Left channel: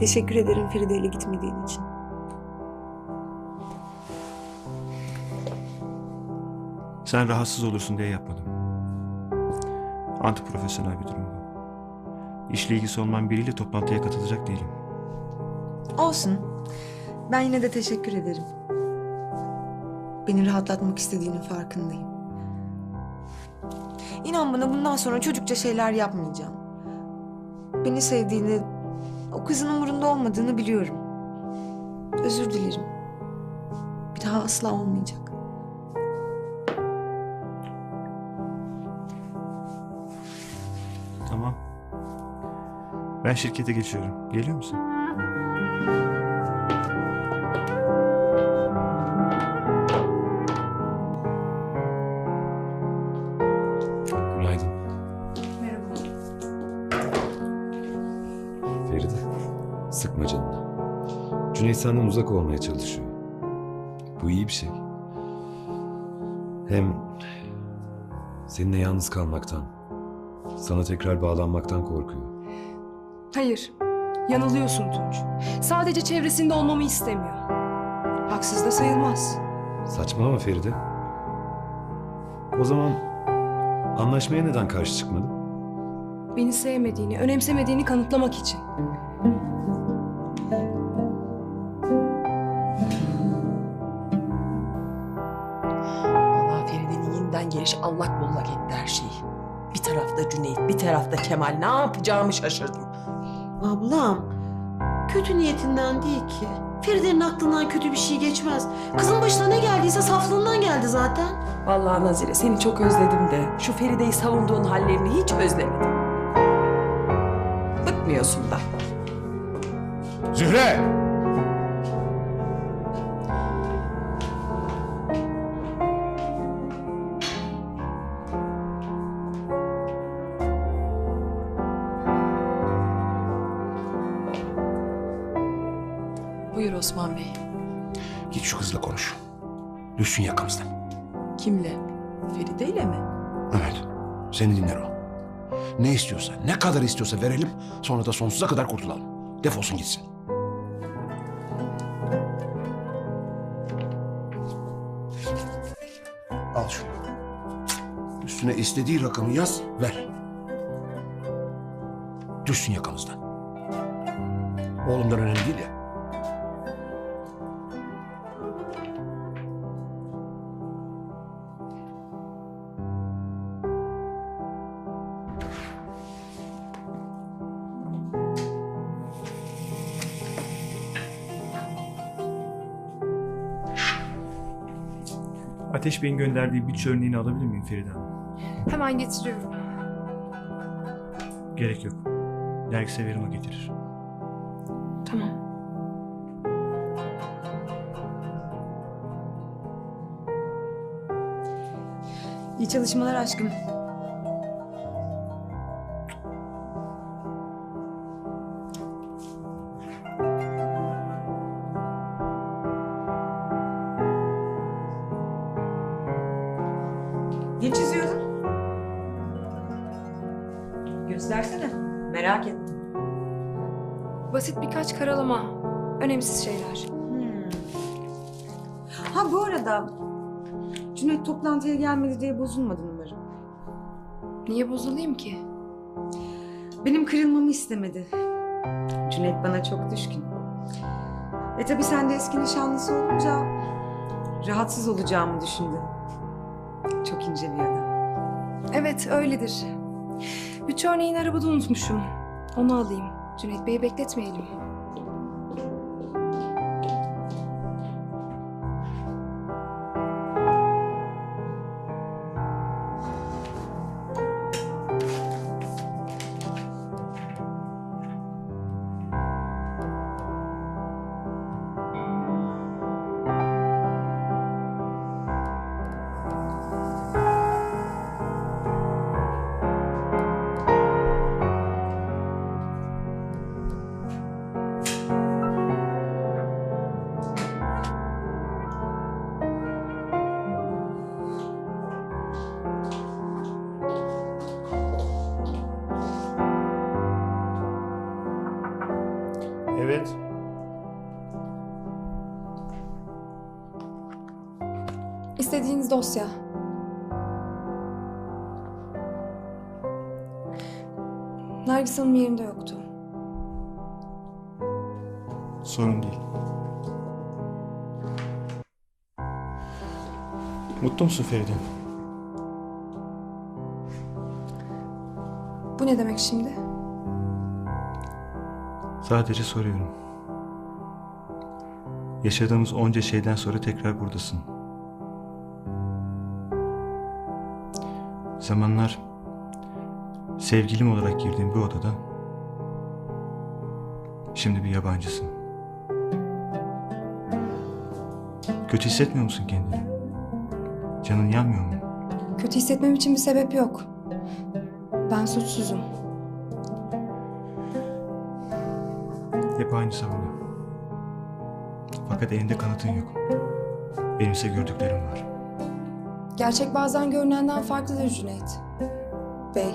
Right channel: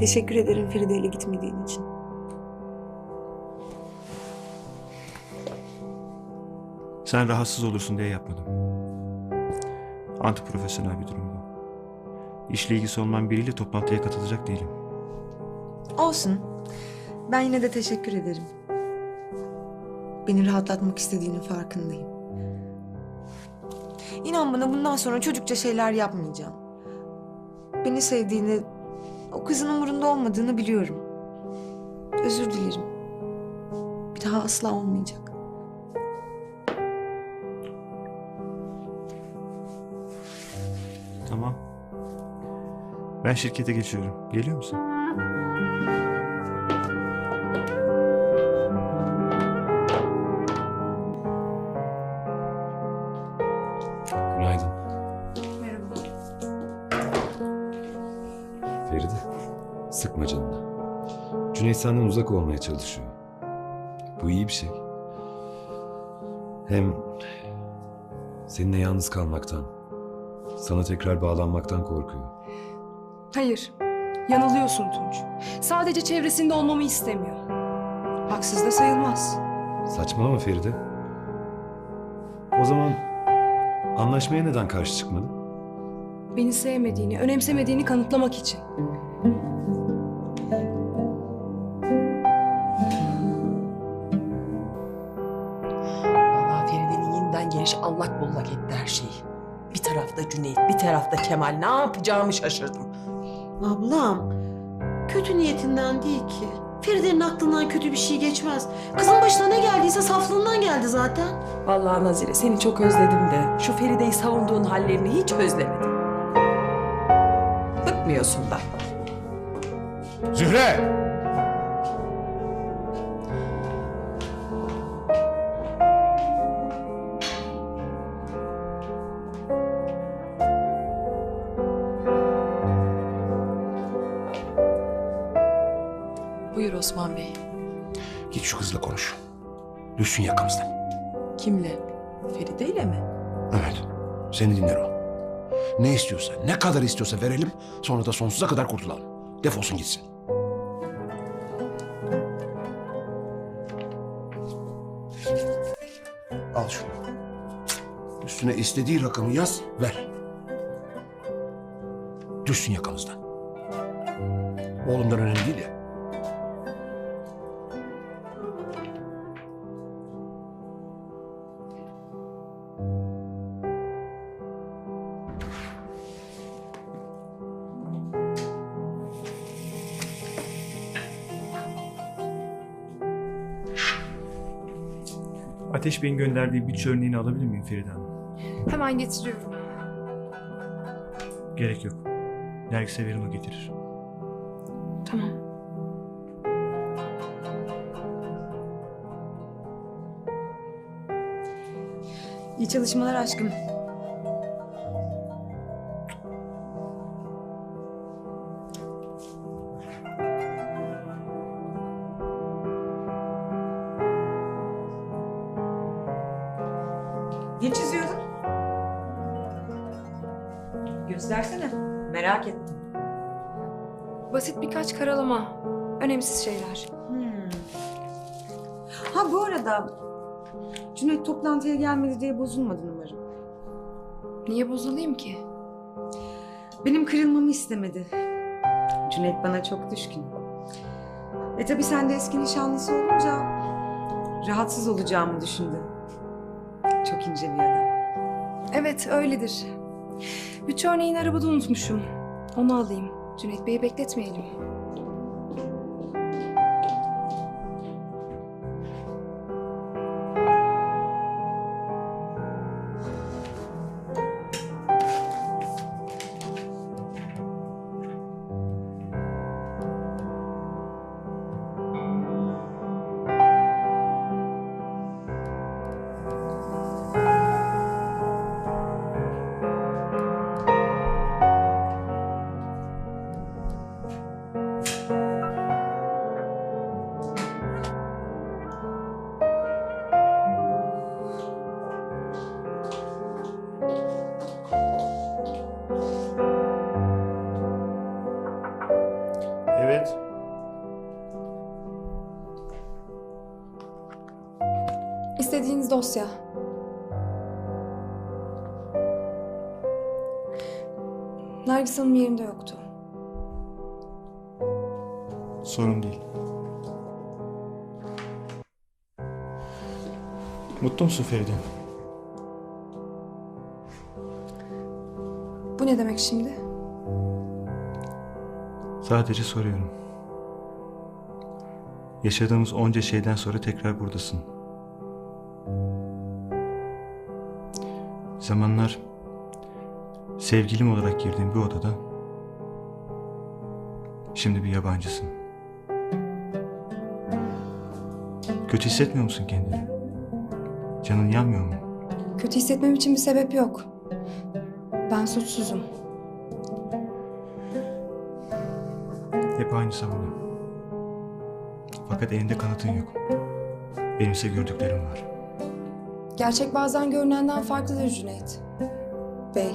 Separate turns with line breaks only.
Teşekkür ederim Feride ile gitmediğin için.
Sen rahatsız olursun diye yapmadım. Antiprofesyonel bir durum bu. İşle ilgisi olmayan biriyle toplantıya katılacak değilim.
Olsun. Ben yine de teşekkür ederim. Beni rahatlatmak istediğinin farkındayım. İnan bana bundan sonra çocukça şeyler yapmayacağım. Beni sevdiğini, o kızın umurunda olmadığını biliyorum. Özür dilerim. Bir daha asla olmayacak.
Tamam. Ben şirkete geçiyorum. Geliyor musun?
Sıkma canını. Cüneyt senden uzak olmaya çalışıyor. Bu iyi bir şey. Hem seninle yalnız kalmaktan, sana tekrar bağlanmaktan korkuyor.
Hayır, yanılıyorsun Tunç. Sadece çevresinde olmamı istemiyor. Haksız da sayılmaz.
Saçmalama Feride. O zaman anlaşmaya neden karşı çıkmadın?
Beni sevmediğini, önemsemediğini kanıtlamak için.
Gelişi allak bullak etti her şeyi. Bir tarafta Cüneyt, bir tarafta Kemal. Ne yapacağımı şaşırdım.
Ablam, kötü niyetinden değil ki. Feride'nin aklından kötü bir şey geçmez. Kızın başına ne geldiyse saflığından geldi zaten.
Vallahi Nazire seni çok özledim de şu Feride'yi savunduğun hallerini hiç özlemedim. Bıkmıyorsun da.
Zühre!
Buyur Osman Bey.
Git şu kızla konuş. Düşsün yakamızdan.
Kimle? Feride ile mi?
Evet. Seni dinler o. Ne istiyorsa, ne kadar istiyorsa verelim. Sonra da sonsuza kadar kurtulalım. Defolsun gitsin. Al şunu. Üstüne istediği rakamı yaz, ver. Düşsün yakamızdan. Oğlumdan önemli değil ya.
Ateş Bey'in gönderdiği bütçe örneğini alabilir miyim Feride Hanım?
Hemen getiriyorum.
Gerek yok. Dergise verim o getirir.
Tamam.
İyi çalışmalar aşkım.
Ne çiziyordun? Göstersene. Merak ettim.
Basit birkaç karalama. Önemsiz şeyler.
Hmm. Ha bu arada Cüneyt toplantıya gelmedi diye bozulmadın umarım.
Niye bozulayım ki?
Benim kırılmamı istemedi. Cüneyt bana çok düşkün. E tabii sen de eski nişanlısı olunca rahatsız olacağımı düşündü. Çok ince bir adam.
Evet, öyledir. Bütçe örneğini arabada unutmuşum. Onu alayım. Cüneyt Bey'i bekletmeyelim. Evet. İstediğiniz dosya. Nergis Hanım yerinde yoktu.
Sorun değil. Mutlu musun Feride?
Bu ne demek şimdi?
Sadece soruyorum. Yaşadığımız onca şeyden sonra tekrar buradasın. Zamanlar sevgilim olarak girdiğim bir odada şimdi bir yabancısın. Kötü hissetmiyor musun kendini? Canın yanmıyor mu?
Kötü hissetmem için bir sebep yok. Ben suçsuzum.
Hep aynı savunu. Fakat elinde kanıtın yok. Benimse gördüklerim var.
Gerçek bazen görünenden farklıdır Cüneyt. Bey.